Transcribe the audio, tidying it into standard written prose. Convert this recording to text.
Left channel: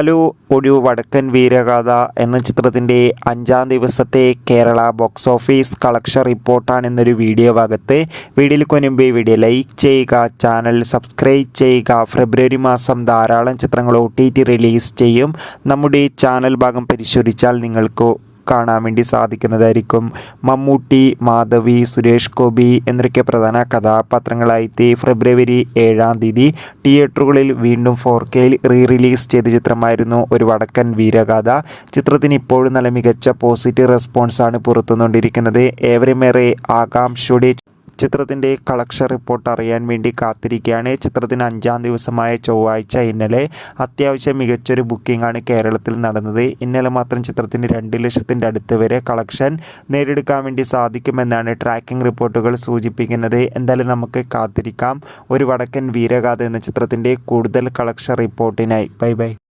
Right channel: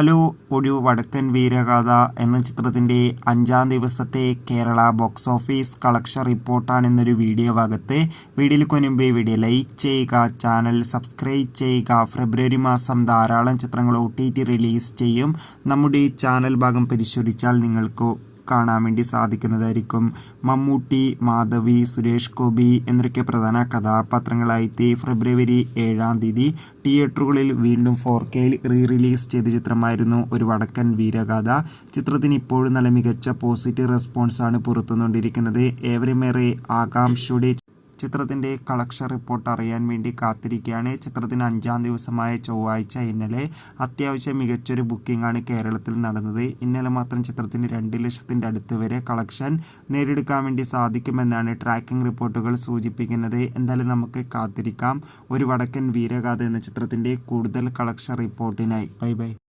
Hello, ഒരു വടക്കൻ വീരഗാഥ എന്ന ചിത്രത്തിൻ്റെ 5-ാം ദിവസത്തെ കേരള ബോക്സ് ഓഫീസ് കളക്ഷൻ റിപ്പോർട്ടാണ് എന്നൊരു വീഡിയോ ഭാഗത്ത്. വീഡിയോയിൽ മുൻപ് വീഡിയോ ലൈക്ക് ചെയ്യുക, ചാനൽ സബ്സ്ക്രൈബ് ചെയ്യുക. ഫെബ്രുവരി മാസം ധാരാളം ചിത്രങ്ങൾ OTT റിലീസ് ചെയ്യും. നമ്മുടെ ചാനൽ ഭാഗം പരിശോധിച്ചാൽ നിങ്ങൾക്ക് കാണാൻ വേണ്ടി സാധിക്കുന്നതായിരിക്കും. മമ്മൂട്ടി, മാധവി, സുരേഷ് ഗോപി എന്നൊക്കെ പ്രധാന കഥാപാത്രങ്ങളായി ഫെബ്രുവരി 7-ാം തീയതി തിയേറ്ററുകളിൽ വീണ്ടും 4Kയിൽ റിലീസ് ചെയ്ത ചിത്രമായിരുന്നു ഒരു വടക്കൻ വീരഗാഥ. ചിത്രത്തിന് ഇപ്പോഴും നല്ല മികച്ച പോസിറ്റീവ് റെസ്പോൺസാണ് പുറത്തുകൊണ്ടിരിക്കുന്നത്. ഏവരുമേറെ ആകാംക്ഷയോടെ ചിത്രത്തിൻ്റെ കളക്ഷൻ റിപ്പോർട്ട് അറിയാൻ വേണ്ടി കാത്തിരിക്കുകയാണ്. ചിത്രത്തിന് 5-ാം ദിവസമായ ചൊവ്വാഴ്ച ഇന്നലെ അത്യാവശ്യം മികച്ചൊരു ബുക്കിംഗ് ആണ് കേരളത്തിൽ നടന്നത്. ഇന്നലെ മാത്രം ചിത്രത്തിന് 2 ലക്ഷത്തിൻ്റെ അടുത്ത് വരെ കളക്ഷൻ നേടിയെടുക്കാൻ വേണ്ടി സാധിക്കുമെന്നാണ് ട്രാക്കിംഗ് റിപ്പോർട്ടുകൾ സൂചിപ്പിക്കുന്നത്. എന്തായാലും നമുക്ക് കാത്തിരിക്കാം ഒരു വടക്കൻ വീരഗാഥ എന്ന ചിത്രത്തിൻ്റെ കൂടുതൽ കളക്ഷൻ റിപ്പോർട്ടിനായി. ബൈ.